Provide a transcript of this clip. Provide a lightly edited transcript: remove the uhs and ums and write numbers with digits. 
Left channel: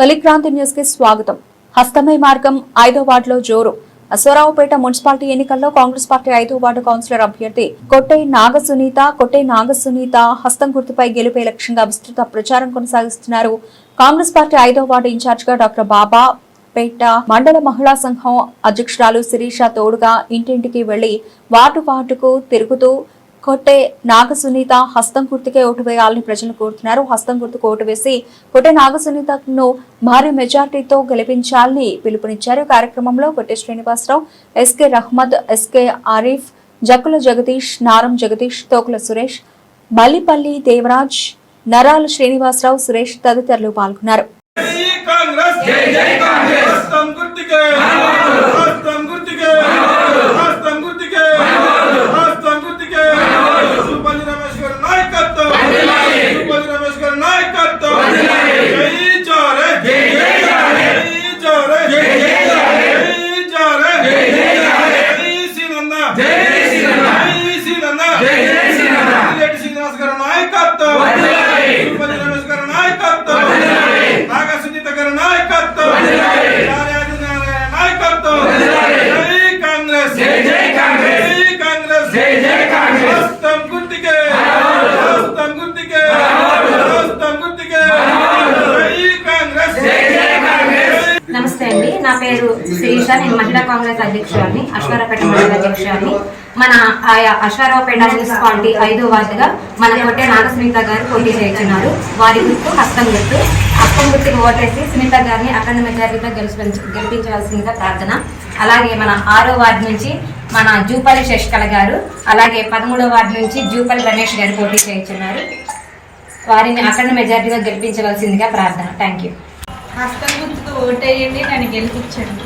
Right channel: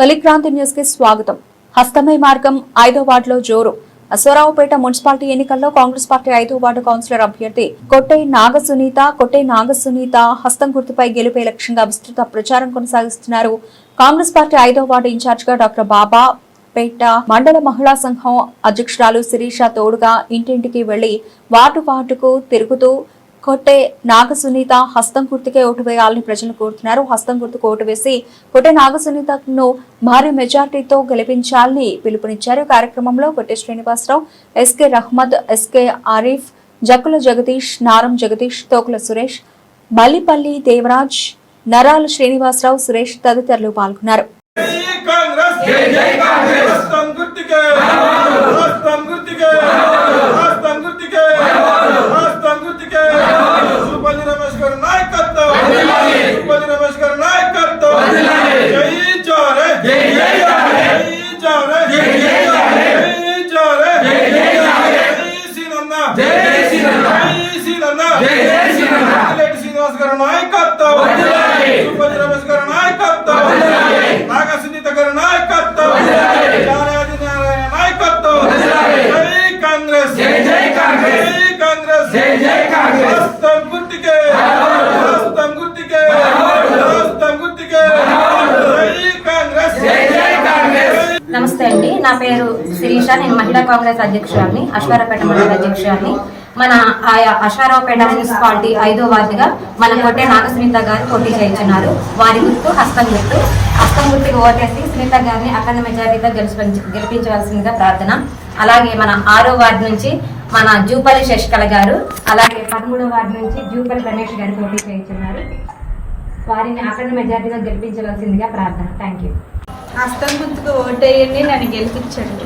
తొలి క్రాంతి న్యూస్ కి స్వాగతం. హస్తమై మార్గం 5వ వార్డులో జోరు. అశ్వరావుపేట మున్సిపాలిటీ ఎన్నికల్లో కాంగ్రెస్ పార్టీ 5వ వార్డు కౌన్సిలర్ అభ్యర్థి కొట్టే నాగసునీత హస్తం గుర్తుపై గెలుపే లక్ష్యంగా విస్తృత ప్రచారం కొనసాగిస్తున్నారు. కాంగ్రెస్ పార్టీ 5వ వార్డు ఇన్ఛార్జ్ గా డాక్టర్ బాబా పేట మండల మహిళా సంఘం అధ్యక్షురాలు శిరీష తోడుగా ఇంటింటికి వెళ్లి వార్డుకు తిరుగుతూ కొట్టే నాగసునీత హస్తం గుర్తుకే ఓటు వేయాలని ప్రజలు కోరుతున్నారు. హస్తం గుర్తుకు ఓటు వేసి కొట్టే నాగసునీతను భారీ మెజార్టీతో గెలిపించాలని పిలుపునిచ్చారు. కార్యక్రమంలో కొట్టే శ్రీనివాసరావు, ఎస్కే రహ్మద్, ఎస్కే ఆరిఫ్, జక్కుల జగదీష్, నారం జగదీష్, తోకుల సురేష్, మల్లిపల్లి దేవరాజ్, నరాల శ్రీనివాసరావు, సురేష్ తదితరులు పాల్గొన్నారు. నమస్తే అండి, నా పేరు శిరీష. నేను మహిళా కాంగ్రెస్ అధ్యక్షురాలిని, అశ్వారావుపేట మండల అధ్యక్షురాలిని. మన అశ్వారావుపేట మున్సిపాలిటీ 5వ వార్డుగా మన కొట్టే నాగసునీత గారు పోటీ చేస్తున్నారు. వారి గుర్తు హస్తం గుర్తు. హస్తం గుర్తుకి ఓటేసి సునీత గారిని అఖండ మెజారిటీతో గెలిపించవలసిందిగా ప్రార్థన. అలాగే మన 6వ వార్డు నుంచి మన జూపల్లి శశికళ గారు, అలాగే 13వ వార్డు నుంచి జూపల్లి రమేష్ గారు పోటీ చేస్తున్నారు. వారిని అఖండ మెజారిటీగా గెలిపించవలసిందిగా ప్రార్థన. Thank you. హస్తం గుర్తుకు ఓటేయండి, నన్ను గెలిపించండి.